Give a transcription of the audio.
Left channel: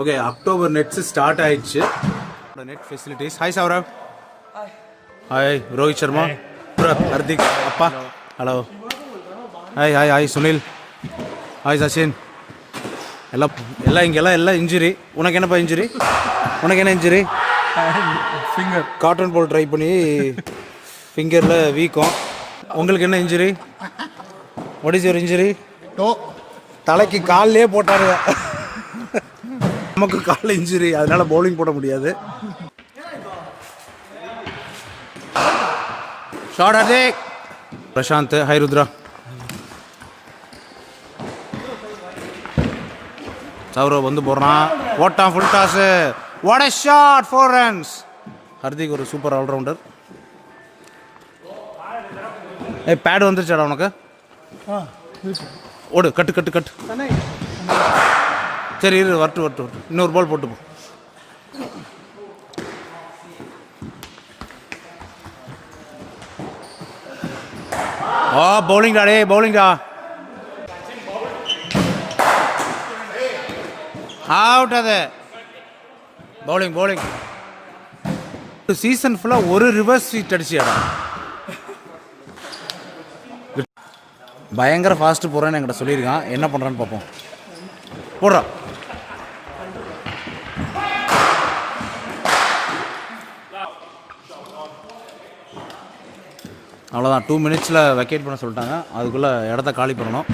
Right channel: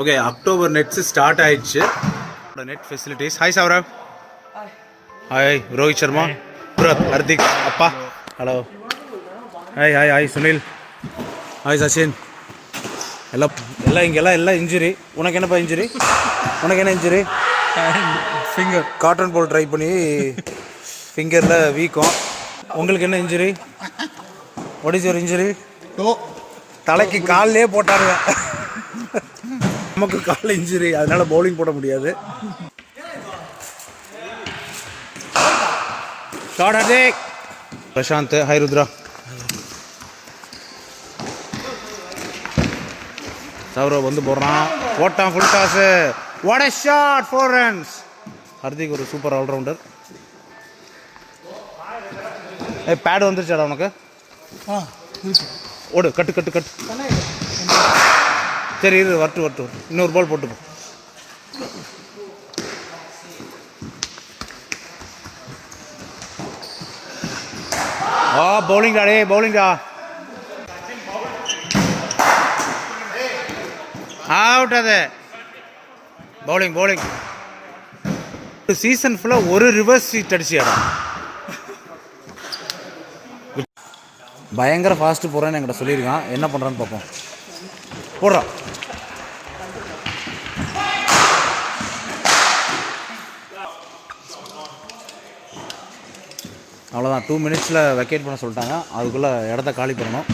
Okay October nets start ஆயிடுச்சு. Net facilities. Hi Saurav. Hi Rohit Sharma, புரத், ஹர்திக், அப்பா, hello. Hi hi hi Sunil, hi Sachin. எல்லாம் இங்கெல்லாம் இன்ஜுரி. உனக்கு என்னப்பா இன்ஜுரி? உனக்கு என்ன injury? Finger cotton ball try பண்ணி ஃபிங்கரில் வீக்கம். உங்களுக்கு என்ன injury? What is your injury? தலைக்கு காலிலே போட்டாருங்க. நமக்கு காலில் இன்ஜுரி, அதனால பவுலிங் போட முடியாது. பிரசாந்த், ஹை ருத்ரா. சௌரவ் வந்து போடுறான், போட்டான் full toss. What a shot, 4 runs. Hardik ஒரு சூப்பர் ஆல்ரவுண்டர். பேட் வந்துருச்சாடா உனக்கு? ஓடு, கட்டு. சரி இரு, வரட்டு. இன்னொரு பால் போட்டு போ. பவுலிங்கா டே, பவுலிங்கா. அவுட். அது பவுலிங். சீசன் ஃபுல்லாக ஒரு ரிவர்ஸ் சீட் அடிச்சியாடா. பயங்கர ஃபாஸ்ட்டு போகிறேன்னு என்கிட்ட சொல்லியிருக்கான். என்ன பண்ணுறான்னு பார்ப்போம். போடுறான். அவ்வளோதான், 2 minutesல வெக்கேட் பண்ண சொல்லிட்டாங்க. அதுக்குள்ளே இடத்த காலி பண்ணணும்.